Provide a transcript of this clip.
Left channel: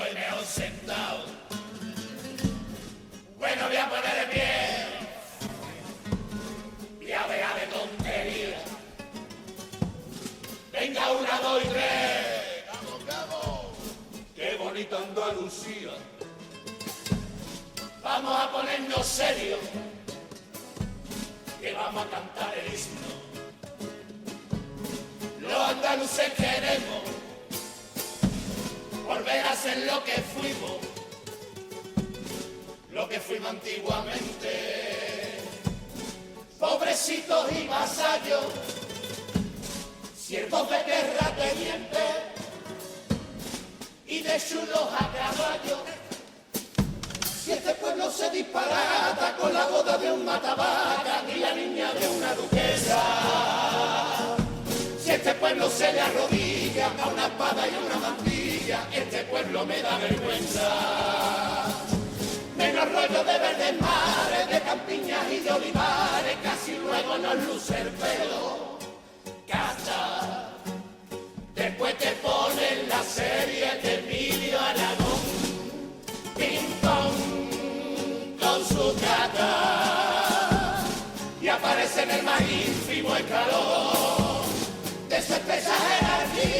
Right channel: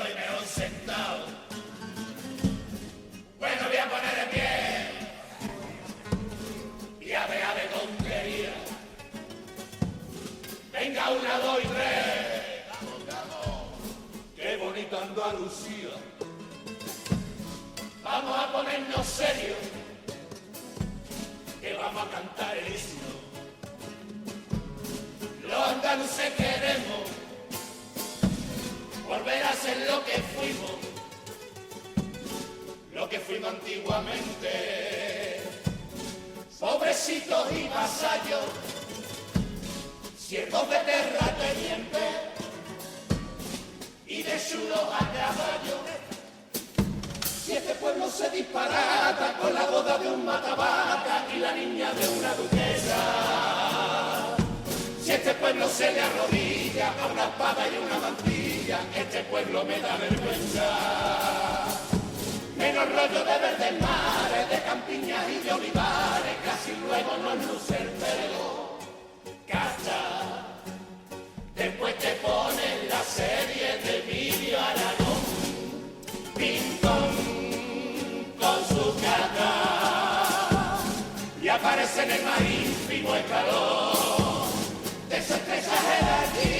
estoy mejor sentado. Bueno, voy a poner de pie. Y a ver de tontería. Venga, 1, 2 y 3. ¡Vamos, vamos! ¡Qué bonita Andalucía! Vamos a ponernos serios, que vamos a cantar el himno. Los andaluces queremos volver a ser lo que fuimos antiguamente. Pobrecitos y vasallos, siervos de terratenientes y de chulos a caballo. Si este pueblo se disparata con la boda de un matavaca y la niña de una duquesa, si este pueblo se le arrodilla a una espada y una mantilla, este pueblo me da vergüenza. Menos rollo de verdes mares, de campiñas y de olivares, casi luego nos luce el pelo. Casa, después te ponen la serie de Emilio Aragón, pintón con su cata, y aparece en el maíz vivo escalón de esa jerarquía.